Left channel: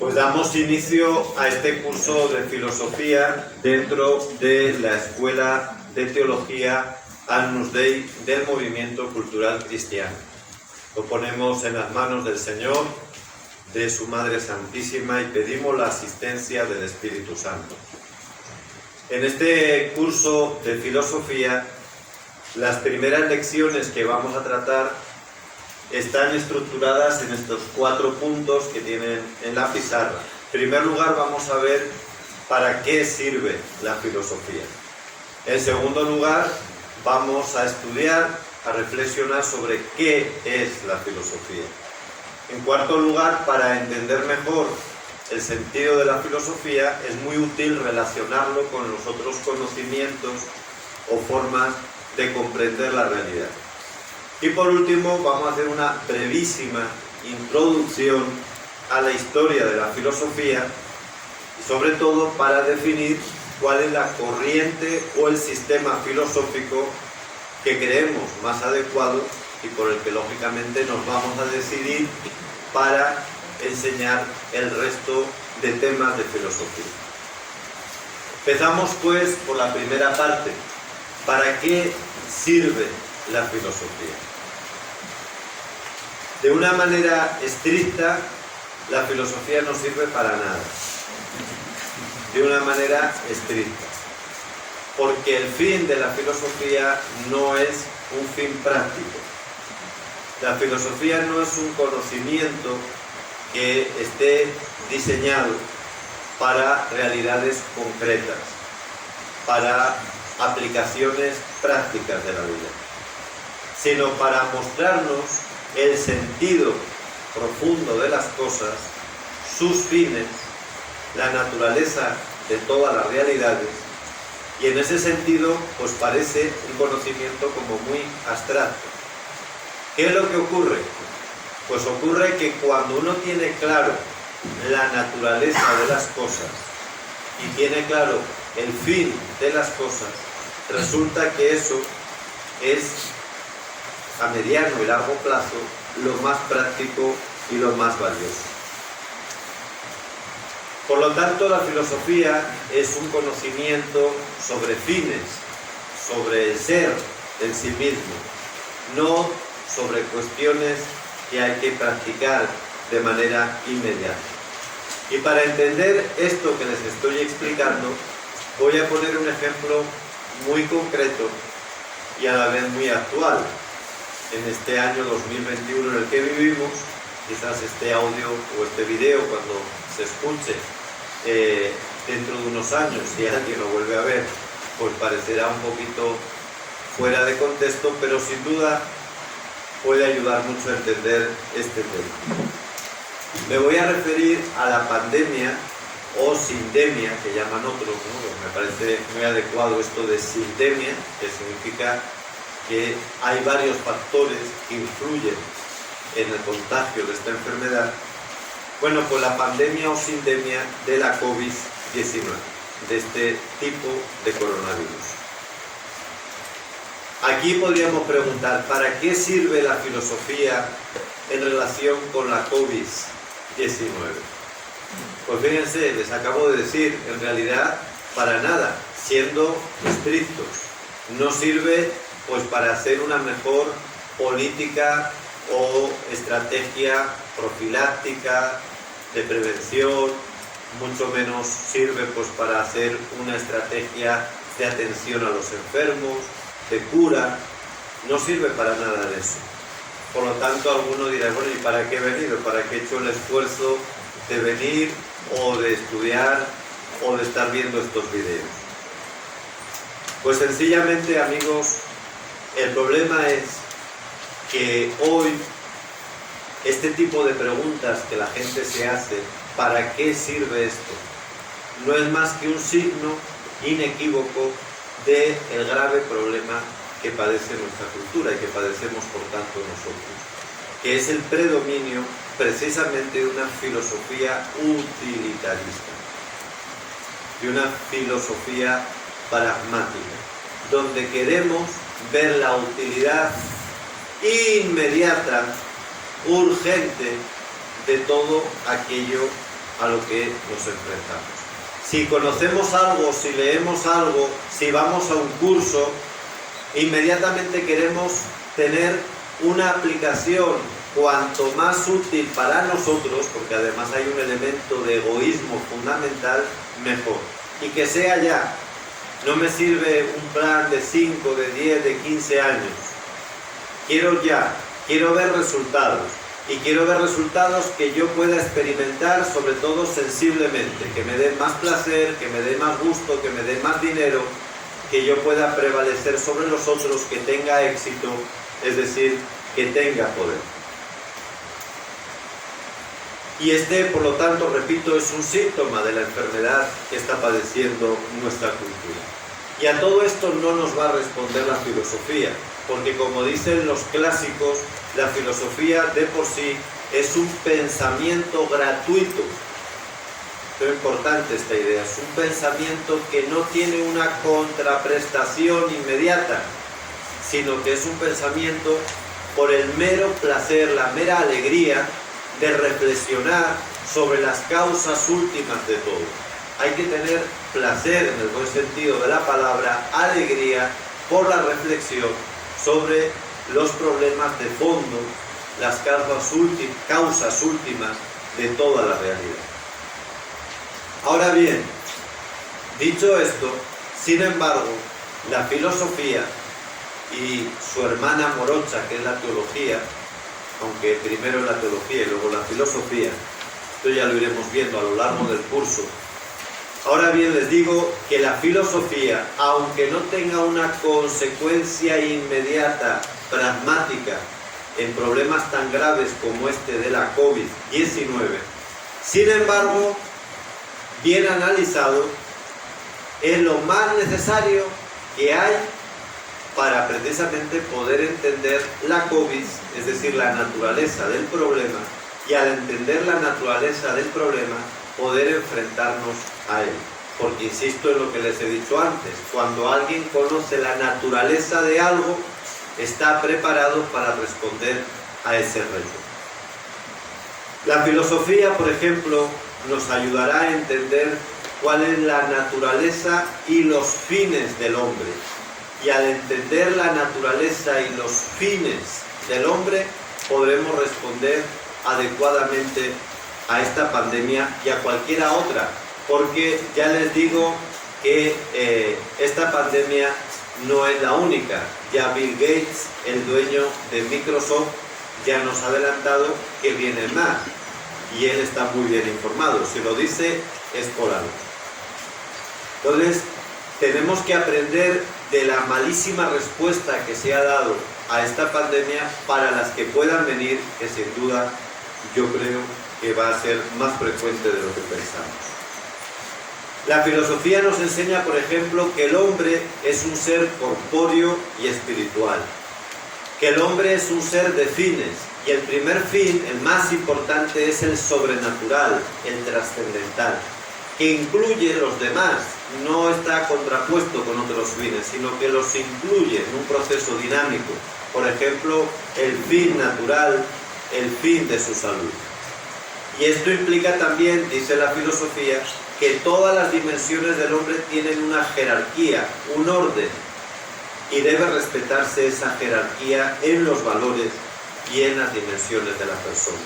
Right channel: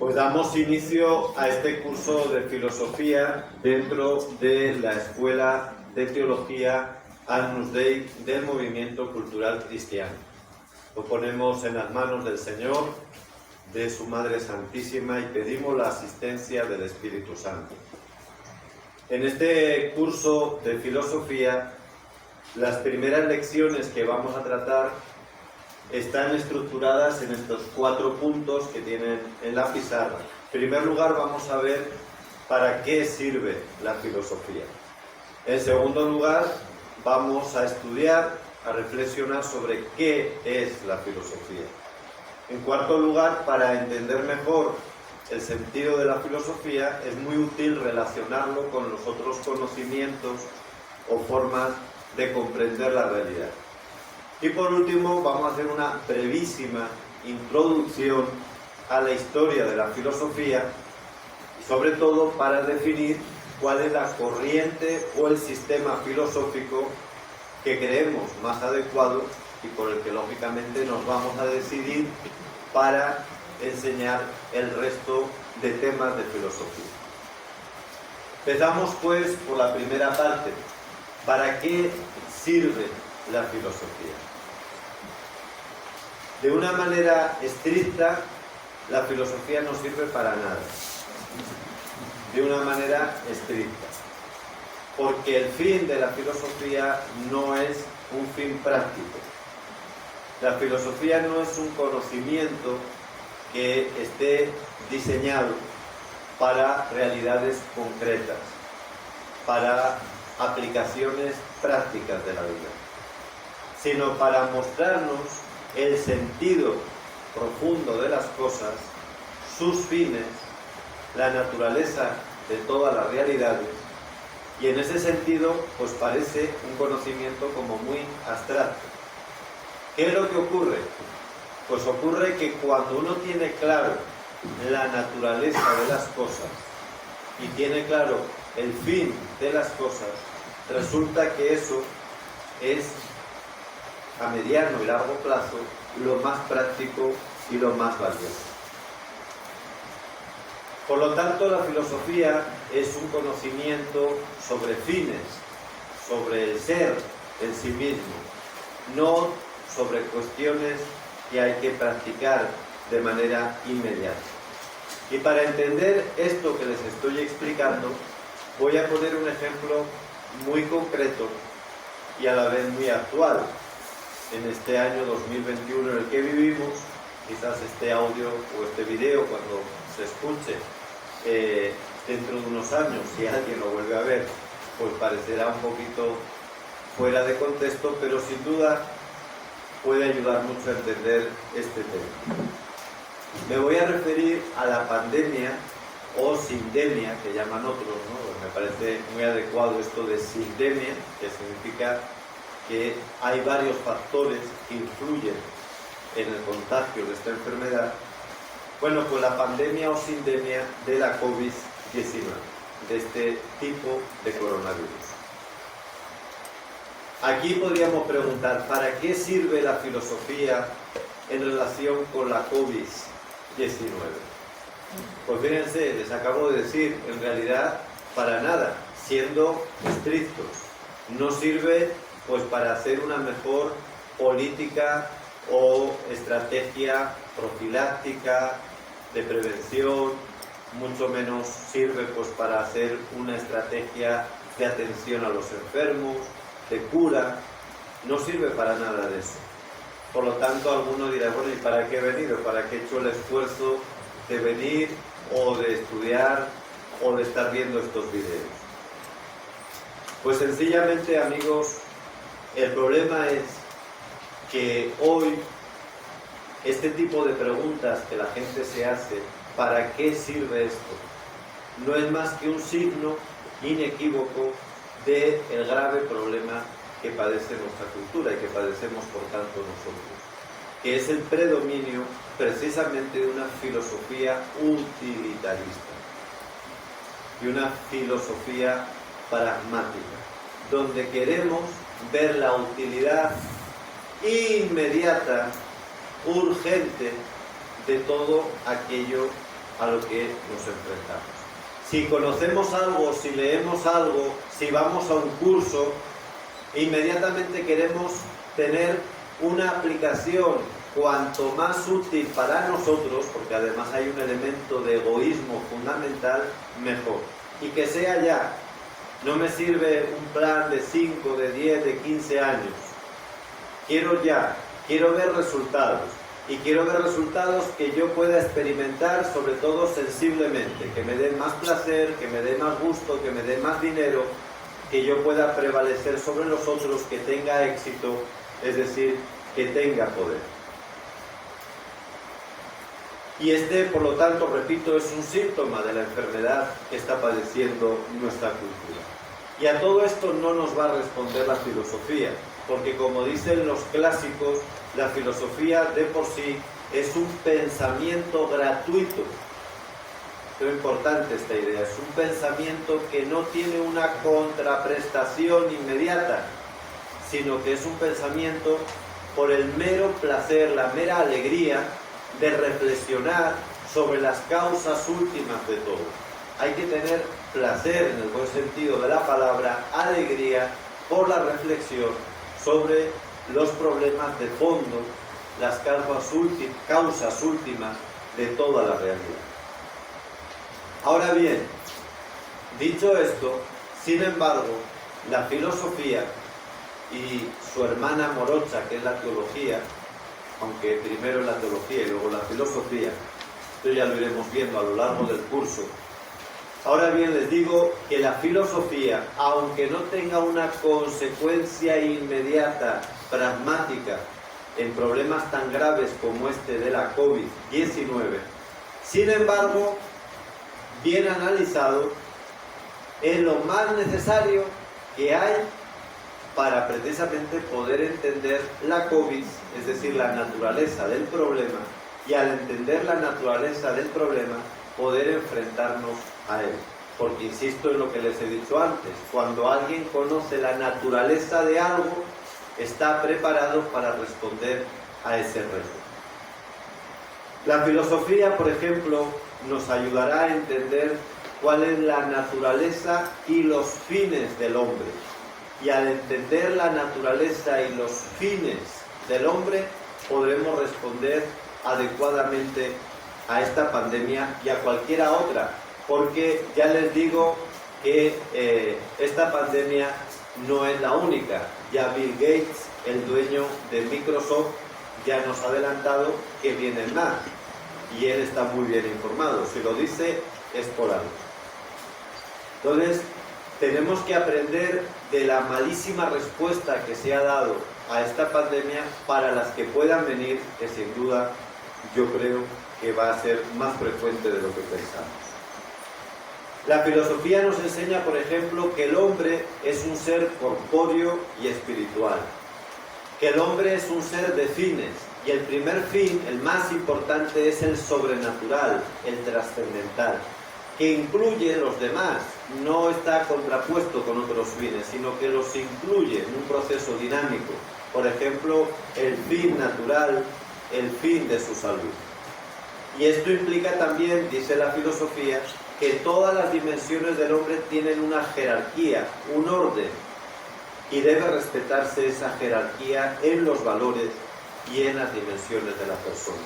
Pues damos inicio a este curso de filosofía dentro de la Escuela de Teología Agnus Dei del Movimiento Cultural Cristiano. Lo ponemos en las manos del Señor, de su Madre Santísima, y pedimos la asistencia del Espíritu Santo. En este curso de filosofía, las primeras lecciones que vamos a tratar están estructuradas en estos 4 puntos que tienen en la pizarra. En primer lugar, vamos a ver para qué sirve la filosofía. En segundo lugar, vamos a estudiar, a reflexionar sobre qué es la filosofía. En cuarto lugar, para entender mejor el sentido de la filosofía, es muy útil relacionarlo con los otros conocimientos o formas de comprender la realidad. Y por último, vamos a hacer una brevísima introducción a la historia de la filosofía, sobre todo para definir cuál es la corriente o el sistema filosófico que creemos más adecuado y por el que lógicamente nos vamos a decidir para enseñar el resto de temas de filosofía. Empezamos pues por la primera parte. ¿Para qué sirve la filosofía? De una manera estricta, la filosofía no sirve para nada. De una manera estricta. Porque el fin de la filosofía no es un fin práctico. La filosofía no es un conocimiento que esté diseñado para realidades concretas, para aplicaciones prácticas de la vida, sino para mostrarnos el sentido profundo de las cosas, sus fines, la naturaleza de todas las realidades, y en ese sentido pues parece un conocimiento como muy abstracto. ¿Qué es lo que ocurre? Pues ocurre que cuando uno tiene claro la naturaleza de las cosas y tiene claro el fin de las cosas, resulta que eso es a mediano y largo plazo lo más práctico y lo más valioso. Por lo tanto, la filosofía es un conocimiento sobre fines, sobre el ser en sí mismo, no sobre cuestiones que hay que practicar de manera inmediata. Y para entender esto que les estoy explicando, voy a poner un ejemplo muy concreto y a la vez muy actual. En este año 2021 en el que vivimos, quizás este audio o este video, cuando se escuche dentro de unos años, si alguien lo vuelve a ver, pues parecerá un poquito fuera de contexto, pero sin duda puede ayudar mucho a entender este tema. Me voy a referir a la pandemia o sindemia, que llaman otros, ¿no? Me parece muy adecuado esto de sindemia, que significa que hay varios factores que influyen en el contagio de esta enfermedad. Bueno, pues la pandemia o sindemia de la COVID-19, de este tipo de coronavirus. Aquí podríamos preguntar, ¿para qué sirve la filosofía en relación con la COVID-19? Pues fíjense, les acabo de decir, en realidad, para nada, siendo estrictos. No sirve pues para hacer una mejor política o estrategia profiláctica, de prevención, mucho menos sirve pues para hacer una estrategia de atención a los enfermos, de cura, no sirve para nada en eso. Por lo tanto, alguno dirá, bueno, ¿y para qué he venido? ¿Para qué he hecho el esfuerzo de venir o de estudiar o de estar viendo estos videos? Pues sencillamente, amigos, el problema es que hoy este tipo de preguntas que la gente se hace, ¿para qué sirve esto?, no es más que un signo inequívoco del grave problema que padece nuestra cultura y que padecemos por tanto nosotros, que es el predominio precisamente de una filosofía utilitarista, de una filosofía pragmática, donde queremos ver la utilidad inmediata, urgente, de todo aquello a lo que nos enfrentamos. Si conocemos algo, si leemos algo, si vamos a un curso, inmediatamente queremos tener una aplicación cuanto más útil para nosotros, porque además hay un elemento de egoísmo fundamental, mejor. Y que sea ya. No me sirve un plan de 5, de 10, de 15 años. Quiero ya, quiero ver resultados. Y quiero ver resultados que yo pueda experimentar, sobre todo sensiblemente, que me den más placer, que me dé más gusto, que me dé más dinero, que yo pueda prevalecer sobre los otros, que tenga éxito, es decir, que tenga poder. Y este, por lo tanto, repito, es un síntoma de la enfermedad que está padeciendo nuestra cultura. Y a todo esto no nos va a responder la filosofía, porque como dicen los clásicos, la filosofía de por sí es un pensamiento gratuito. Es importante esta idea, es un pensamiento que no tiene una contraprestación inmediata, sino que es un pensamiento por el mero placer, la mera alegría de reflexionar sobre las causas últimas de todo. Hay que tener placer, en el buen sentido de la palabra, alegría por la reflexión sobre los problemas de fondo, las causas últimas de toda la realidad. Ahora bien, dicho esto, sin embargo, la filosofía y su hermana morocha, que es la teología, aunque primero es la teología y luego la filosofía, esto ya lo iremos viendo a lo largo del curso. Ahora bien, les digo que la filosofía, aunque no tenga una consecuencia inmediata, pragmática, en problemas tan graves como este de la COVID-19, sin embargo, bien analizado, es lo más necesario que hay para precisamente poder entender la COVID, es decir, la naturaleza del problema, y al entender la naturaleza del problema, poder enfrentarnos a él. Porque insisto en lo que les he dicho antes, cuando alguien conoce la naturaleza de algo, está preparado para responder a ese reto. La filosofía, por ejemplo, nos ayudará a entender cuál es la naturaleza y los fines del hombre. Y al entender la naturaleza y los fines del hombre, podremos responder adecuadamente a esta pandemia y a cualquiera otra, porque ya les digo que esta pandemia no es la única. Ya Bill Gates, el dueño de Microsoft, ya nos ha adelantado que vienen más, y él está muy bien informado. Si lo dice, es por algo. Entonces, tenemos que aprender de la malísima respuesta que se ha dado a esta pandemia para las que puedan venir, que sin duda yo creo que va a ser más frecuente de lo que pensamos. La filosofía nos enseña, por ejemplo, que el hombre es un ser corpóreo y espiritual, que el hombre es un ser de fines, y el primer fin, el más importante, es el sobrenatural, el trascendental, que incluye los demás, no está contrapuesto con otros fines, sino que los incluye en un proceso dinámico. Por ejemplo, el fin natural, el fin de su salud. Y esto implica también, dice la filosofía, que todas las dimensiones del hombre tienen una jerarquía, un orden, y debe respetarse esa jerarquía en los valores y en las dimensiones de la persona.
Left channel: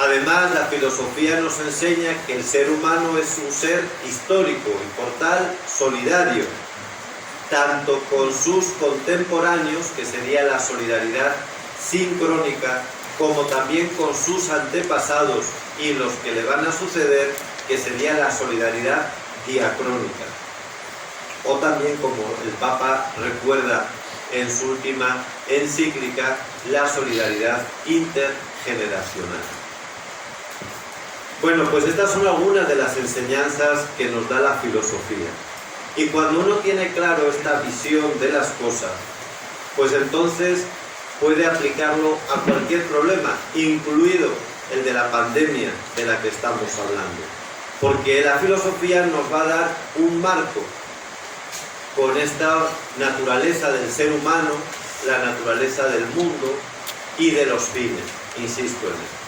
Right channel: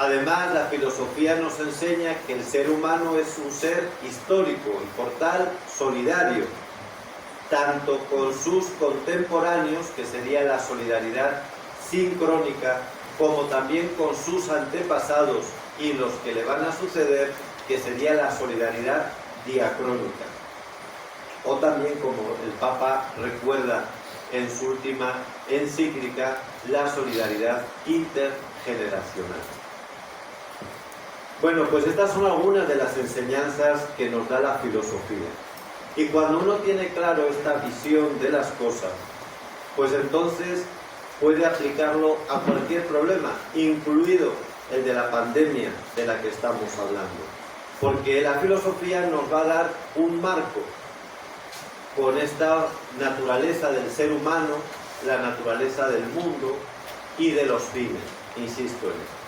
Además, la filosofía nos enseña que el ser humano es un ser histórico y por tal solidario, tanto con sus contemporáneos, que sería la solidaridad sincrónica, como también con sus antepasados y los que le van a suceder, que sería la solidaridad diacrónica. O también, como el Papa recuerda en su última encíclica, la solidaridad intergeneracional. Bueno, pues estas son algunas de las enseñanzas que nos da la filosofía. Y cuando uno tiene claro esta visión de las cosas, pues entonces puede aplicarlo a cualquier problema, incluido el de la pandemia de la que estamos hablando. Porque la filosofía nos va a dar un marco con esta naturaleza del ser humano, la naturaleza del mundo y de los fines, insisto en esto.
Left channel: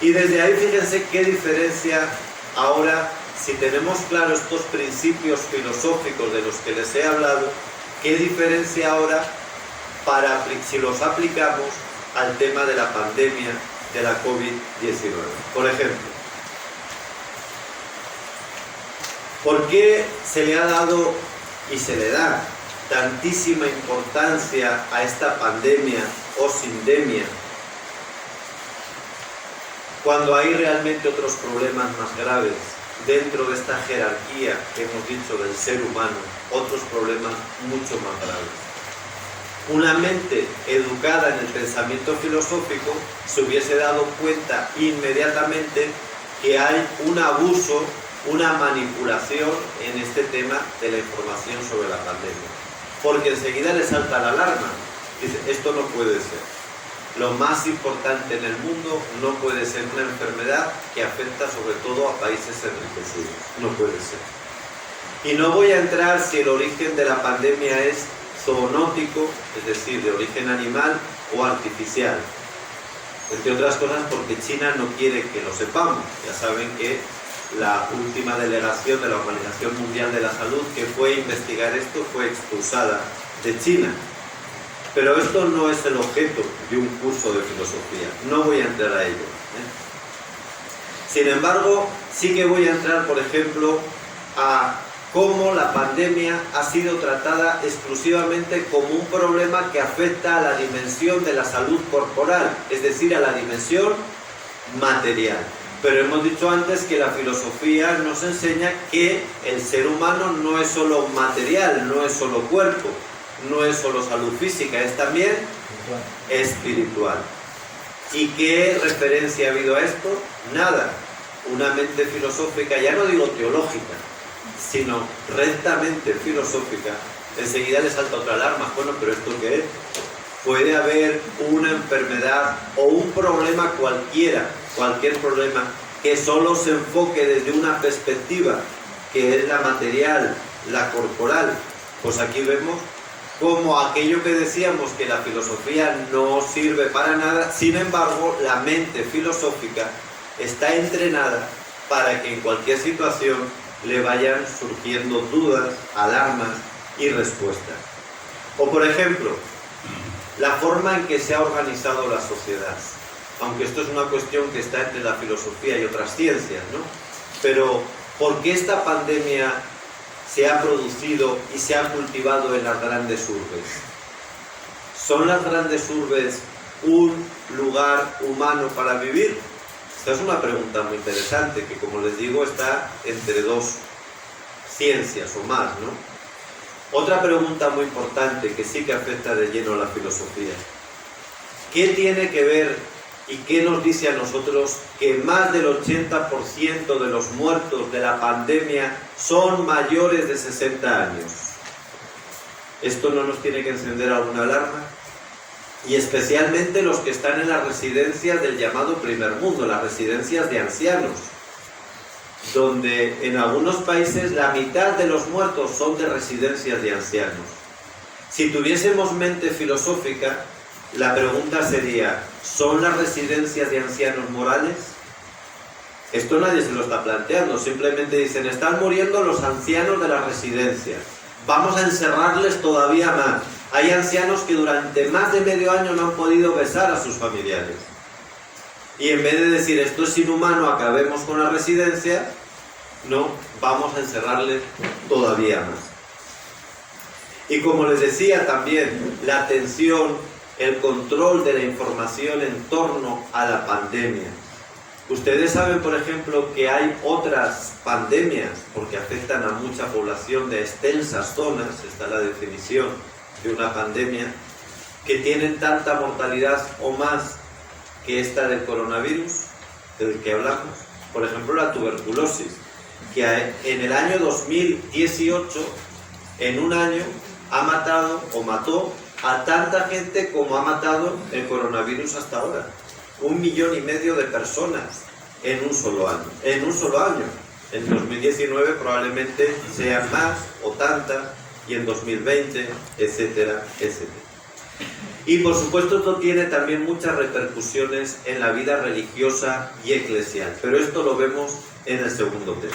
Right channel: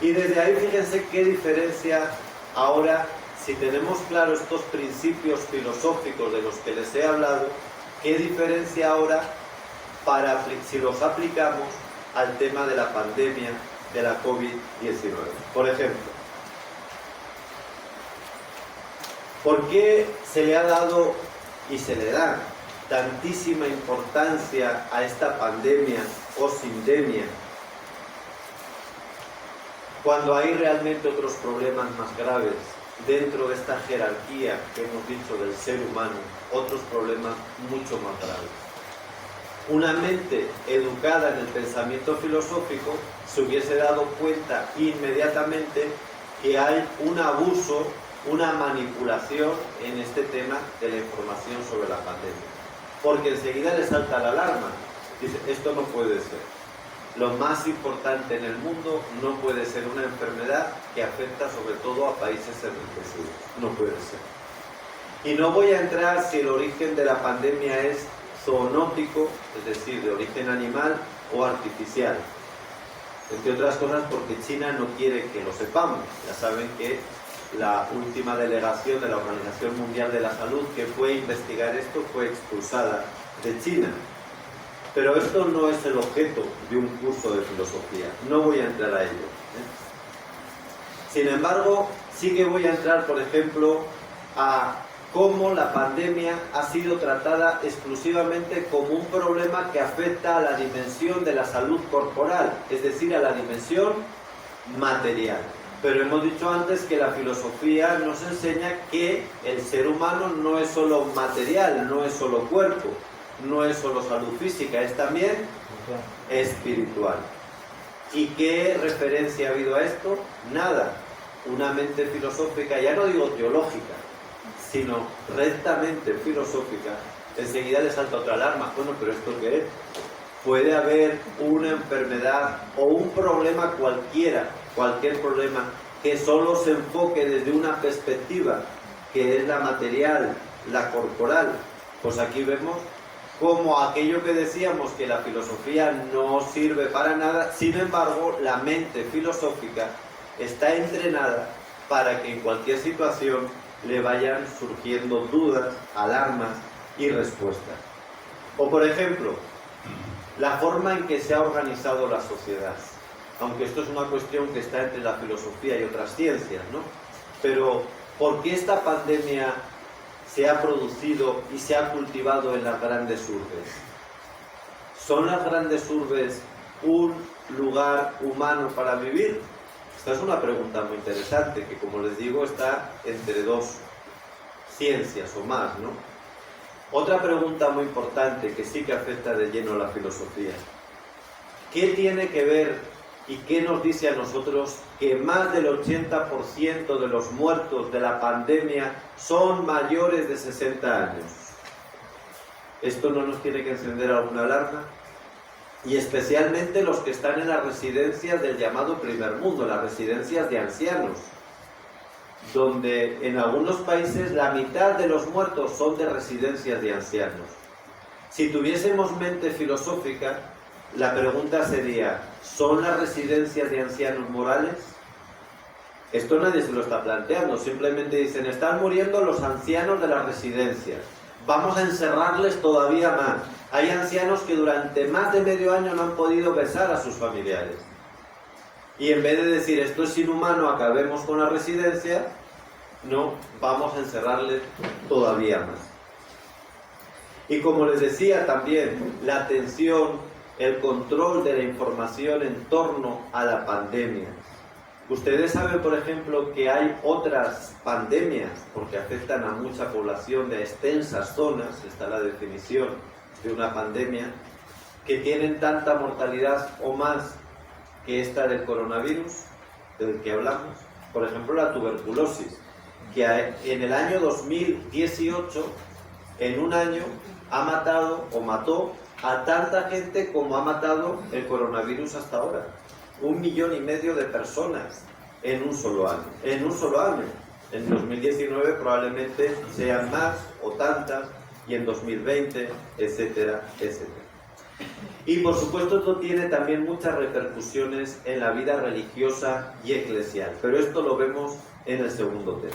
Y desde ahí fíjense qué diferencia Ahora, si tenemos claro estos principios filosóficos de los que les he hablado, ¿qué diferencia ahora si los aplicamos al tema de la pandemia de la COVID-19? Por ejemplo, ¿por qué se le ha dado y se le da tantísima importancia a esta pandemia o sindemia cuando hay realmente otros problemas más graves dentro de esta jerarquía que hemos dicho del ser humano, otros problemas mucho más graves? Una mente educada en el pensamiento filosófico se hubiese dado cuenta inmediatamente que hay un abuso, una manipulación en este tema de la información sobre la pandemia. Porque enseguida le salta la alarma. Dice, esto no puede ser. Lo más importante en el mundo no puede ser una enfermedad que afecta sobre todo a países enriquecidos. No puede ser. Y no voy a entrar si el origen de la pandemia es zoonótico, es decir, de origen animal o artificial. Entre otras cosas porque China no quiere que lo sepamos. Ya saben que la última delegación de la Organización Mundial de la Salud que fue a investigar esto fue expulsada de China. Pero esto no es el objeto de un curso de filosofía. No voy a entrar a ello. Sin embargo, sí que voy a entrar, por ejemplo, a cómo la pandemia ha sido tratada exclusivamente como un problema que afecta a la dimensión de la salud corporal, es decir, a la dimensión material. Pero hemos dicho antes que la filosofía nos enseña que el ser humano no es solo material, no es solo cuerpo, no es solo salud física, es también espiritual. ¿Y qué referencia ha habido a esto? Nada. Una mente filosófica, ya no digo teológica, sino rectamente filosófica, enseguida le salta otra alarma. Bueno, pero ¿esto qué es? Puede haber una enfermedad o un problema cualquier problema que solo se enfoque desde una perspectiva que es la material, la corporal. Pues aquí vemos como aquello que decíamos que la filosofía no sirve para nada, sin embargo, la mente filosófica está entrenada para que en cualquier situación le vayan surgiendo dudas, alarmas y respuestas. O por ejemplo, la forma en que se ha organizado la sociedad. Aunque esto es una cuestión que está entre la filosofía y otras ciencias, ¿no? Pero, ¿por qué esta pandemia se ha producido y se ha cultivado en las grandes urbes? ¿Son las grandes urbes un lugar humano para vivir? Esta es una pregunta muy interesante que, como les digo, está entre dos ciencias o más, ¿no? Otra pregunta muy importante que sí que afecta de lleno a la filosofía. ¿Qué tiene que ver y qué nos dice a nosotros que más del 80% de los muertos de la pandemia son mayores de 60 años? ¿Esto no nos tiene que encender alguna alarma? Y especialmente los que están en las residencias del llamado primer mundo, las residencias de ancianos, donde en algunos países la mitad de los muertos son de residencias de ancianos. Si tuviésemos mente filosófica, la pregunta sería, ¿son las residencias de ancianos morales? Esto nadie se lo está planteando, simplemente dicen, están muriendo los ancianos de las residencias, vamos a encerrarles todavía más. Hay ancianos que durante más de medio año no han podido besar a sus familiares. Y en vez de decir, esto es inhumano, acabemos con la residencia, no, vamos a encerrarles todavía más. Y como les decía también, la atención, el control de la información en torno a la pandemia. Ustedes saben, por ejemplo, que hay otras pandemias, porque afectan a mucha población de extensas zonas, está la definición de una pandemia, que tienen tanta mortalidad o más que esta del coronavirus, del que hablamos. Por ejemplo, la tuberculosis, que en el año 2018, en un año, ha matado o mató a tanta gente como ha matado el coronavirus hasta ahora. 1,5 millones de personas en un solo año. En un solo año. En 2019 probablemente sean más o tantas, y en 2020, etcétera, etcétera. Y por supuesto esto tiene también muchas repercusiones en la vida religiosa y eclesial, pero esto lo vemos en el segundo tema.